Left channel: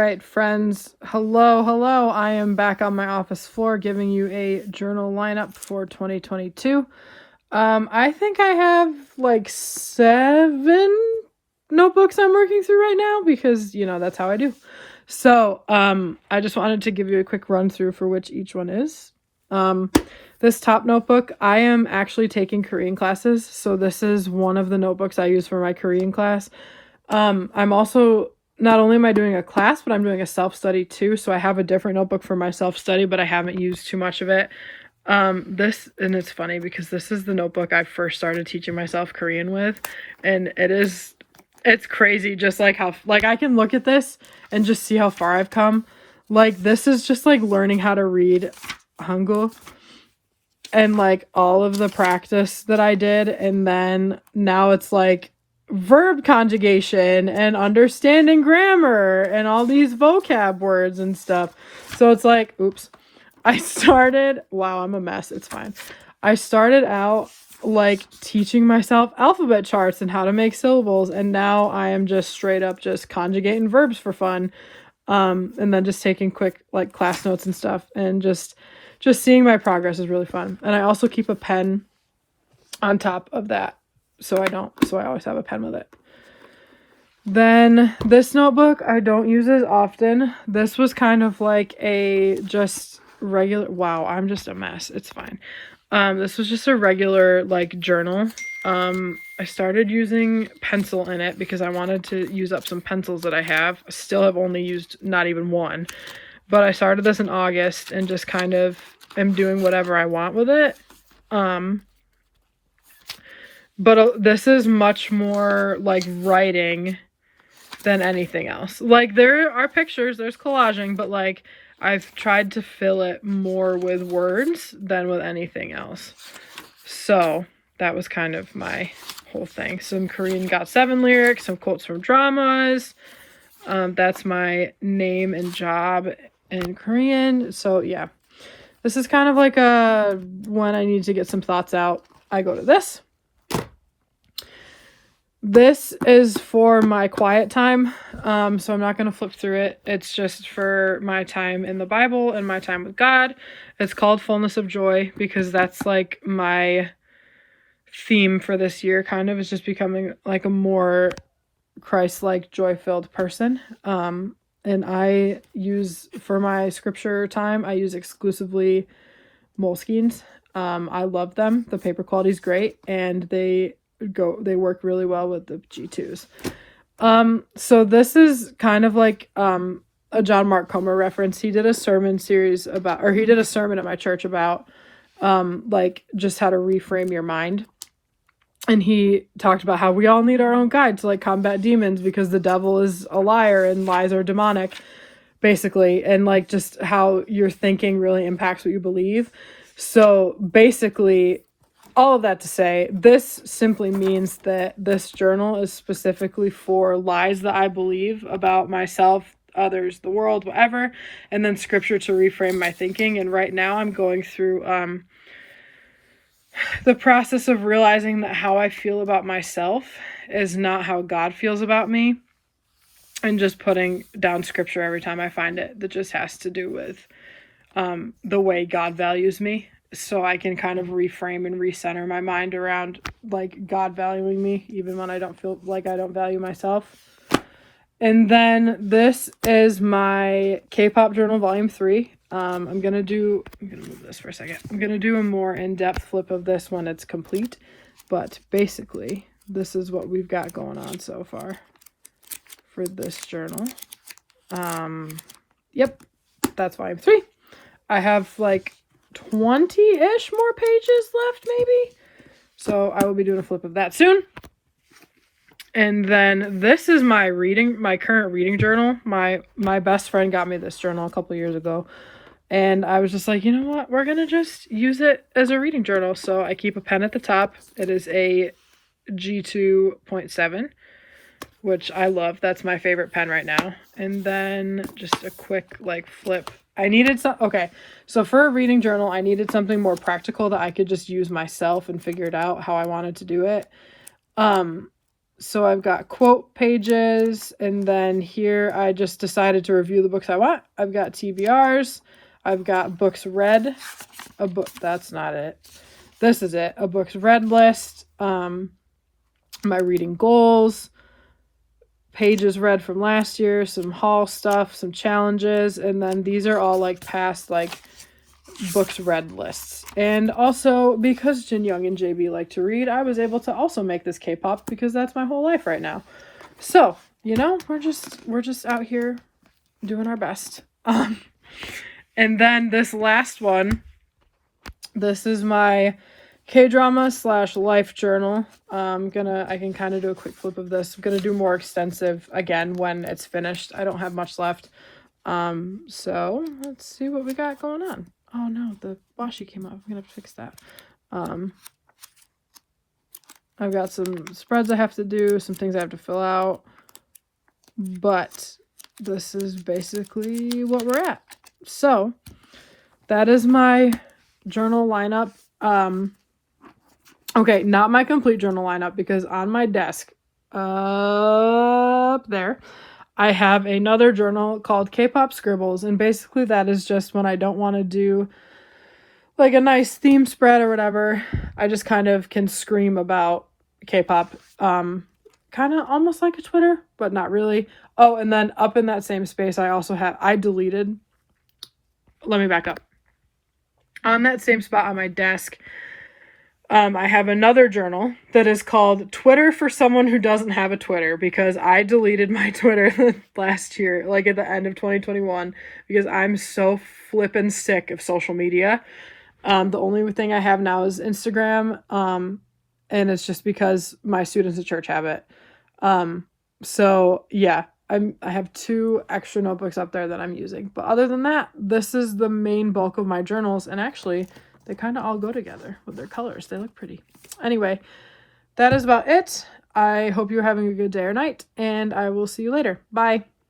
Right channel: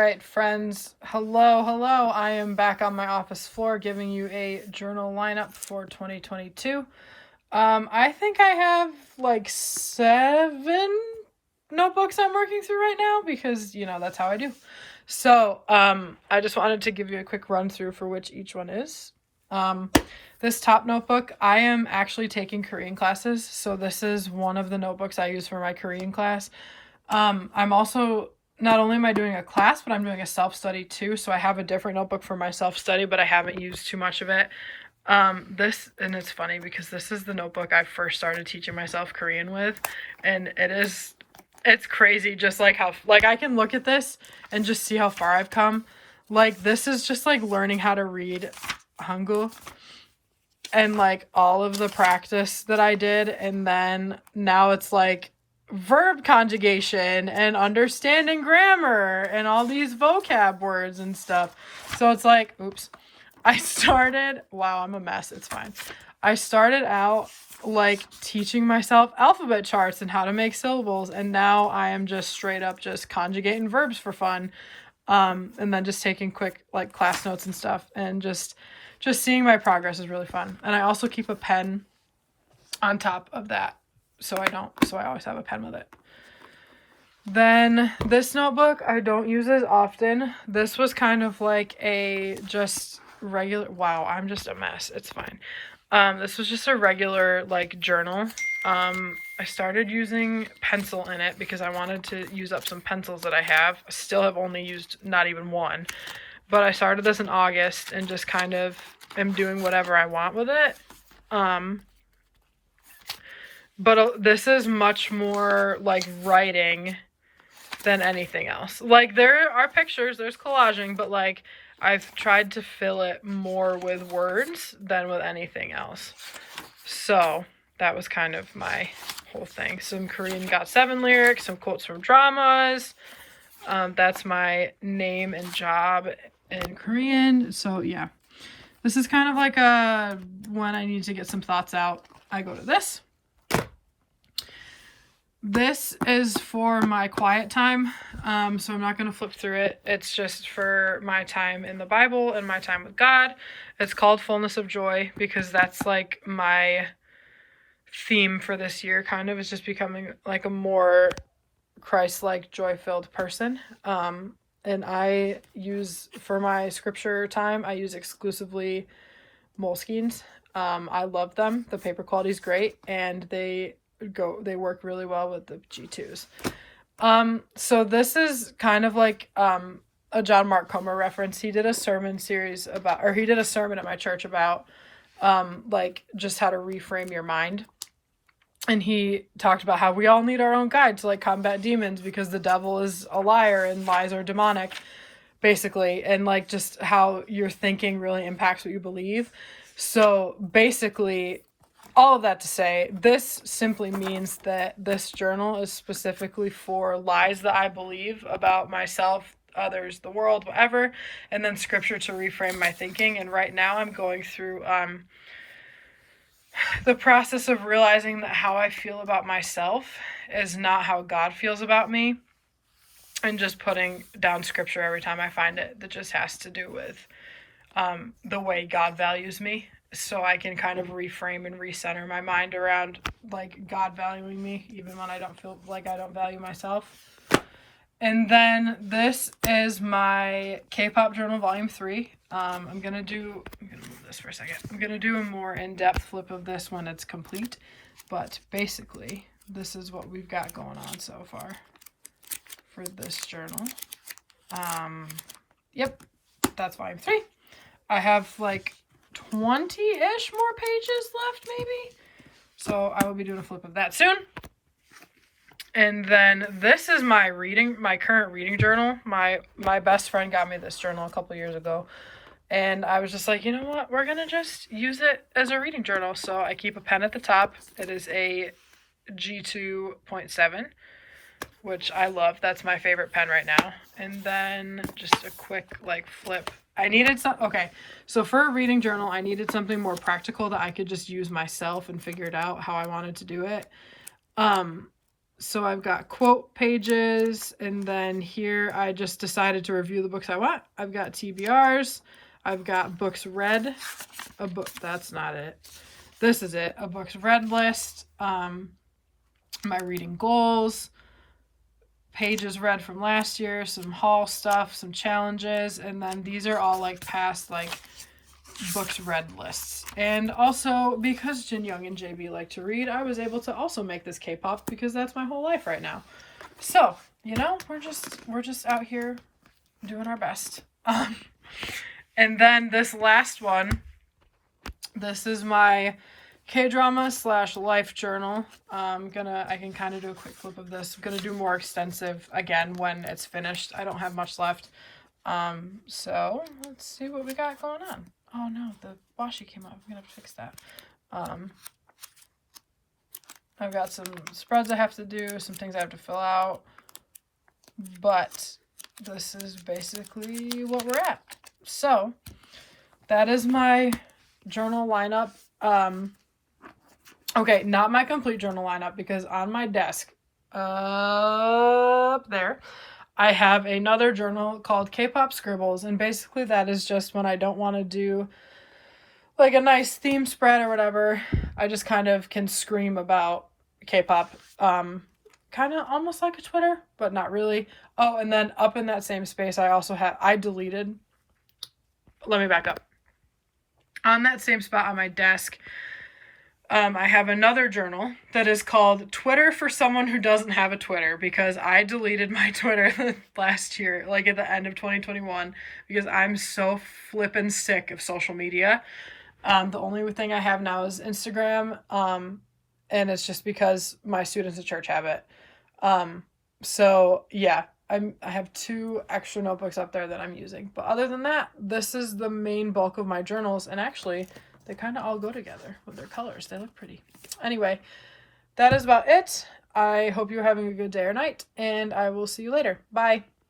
right, friends. Hello. I am back on my office floor giving you a journal lineup for 2022. I think I have like 7 notebooks I'm working through right now because, that's how I do. So, I just wanted to give you a quick run through for which each one is. This top notebook, I am actually taking Korean classes. So this is one of the notebooks I use for my Korean class. I'm also, not only am I doing a class, but I'm doing a self-study too. So I have a different notebook for my self-study, but I haven't used too much of it. And it's funny because this is the notebook I first started teaching myself Korean with. And it's crazy just like how, like I can look at this and just see how far I've come. Like this is just like learning how to read Hangul and like all of the practice that I did. And then now it's like verb conjugation and understanding grammar and all these vocab words and stuff. So it's like, oops, wow, I'm a mess. It's fine. I started out like teaching myself alphabet charts and how to make syllables. And now I am just straight up just conjugating verbs for fun. And then just taking quick like class notes and stuff, and just seeing my progress is really fun. And I also keep a pen on top of that. So I always have a pen with it. Then this notebook, I don't use as often. This was kind of like a just regular, wow, I'm just a mess. It's fine. This was just a regular like journal. I started using pencil in it because I wanted to use up some pencils that I have. I still have only used not even one. But I started this in August and just kind of am doing whatever I want with it. But this is much more like writing than anything else. Like there are pictures, there's collaging, but like I've tried to fill it more with words than with anything else. So that was kind of my whole thing. Some Korean got 7 lyrics, some quotes from dramas. That's my name and job in Korean. So yeah, this is kind of like when I need to get some thoughts out, I go to this. This is for my quiet time, so I'm not going to flip through it. It's just for my time in the Bible and my time with God. It's called Fullness of Joy because that's like my theme for this year, kind of, is just becoming like a more Christ-like, joy-filled person. And I use, for my scripture time, I use exclusively Moleskines. I love them. The paper quality is great, and they work really well with the G2s. So this is kind of like a John Mark Comer reference. He did a sermon series about, or he did a sermon at my church about like just how to reframe your mind. And he talked about how we all need our own guide to like combat demons because the devil is a liar and lies are demonic, basically. And like just how your thinking really impacts what you believe. So basically, all of that to say, this simply means that this journal is specifically for lies that I believe about myself, others, the world, whatever, and then scripture to reframe my thinking. And right now I'm going through the process of realizing that how I feel about myself is not how God feels about me, and just putting down scripture every time I find it that just has to do with the way God values me. So I can kind of reframe and recenter my mind around like God valuing me, even when I don't feel like I don't value myself. And then this is my K-pop journal volume 3. I'm gonna move this for a second. I'm gonna do a more in-depth flip of this when it's complete. But basically, this is what we've got going on so far for this journal. Yep, that's volume 3. I have like 20-ish more pages left, maybe. So I will be doing a flip of that soon. And then this is my current reading journal. My best friend got me this journal a couple years ago. And I was just like, you know what? We're going to just use it as a reading journal. So I keep a pen at the top. It is a G2.7, which I love. That's my favorite pen right now. And then just a quick like flip. I needed so for a reading journal, I needed something more practical that I could just use myself and figure it out how I wanted to do it. So I've got quote pages, and then here I just decided to review the books I want. I've got TBRs, I've got books read, a book, that's not it. This is it, a books read list, my reading goals, pages read from last year, some haul stuff, some challenges, and then these are all like past like books read lists. And also because Jin Young and JB like to read, I was able to also make this K-pop because that's my whole life right now. So, you know, we're just out here doing our best. And then this last one, this is my K-drama / life journal. I can kind of do a quick flip of this. I'm gonna do more extensive again when it's finished. I don't have much left. So let's see what we got going on. Oh no, the washi came off. I'm gonna have to fix that. I've got some spreads I have to do, some things I have to fill out, but this is basically what we're at. So that is my journal lineup. Okay, not my complete journal lineup, because on my desk up there, I have another journal called K-pop Scribbles, and basically that is just when I don't want to do like a nice theme spread or whatever. I just kind of can scream about K-pop, kind of almost like a Twitter, but not really. Oh, and then up in that same space, I also have, let me back up. On that same spot on my desk, I have another journal that is called Twitter for someone who doesn't have a Twitter, because I deleted my Twitter last year, like at the end of 2021, because I'm so flippin' sick of social media. The only thing I have now is Instagram, and it's just because my students at church have it. So yeah, I have 2 extra notebooks up there that I'm using, but other than that, this is the main bulk of my journals, and actually they kind of all go together with their colors. They look pretty. Anyway, that is about it. I hope you're having a good day or night, and I will see you later. Bye.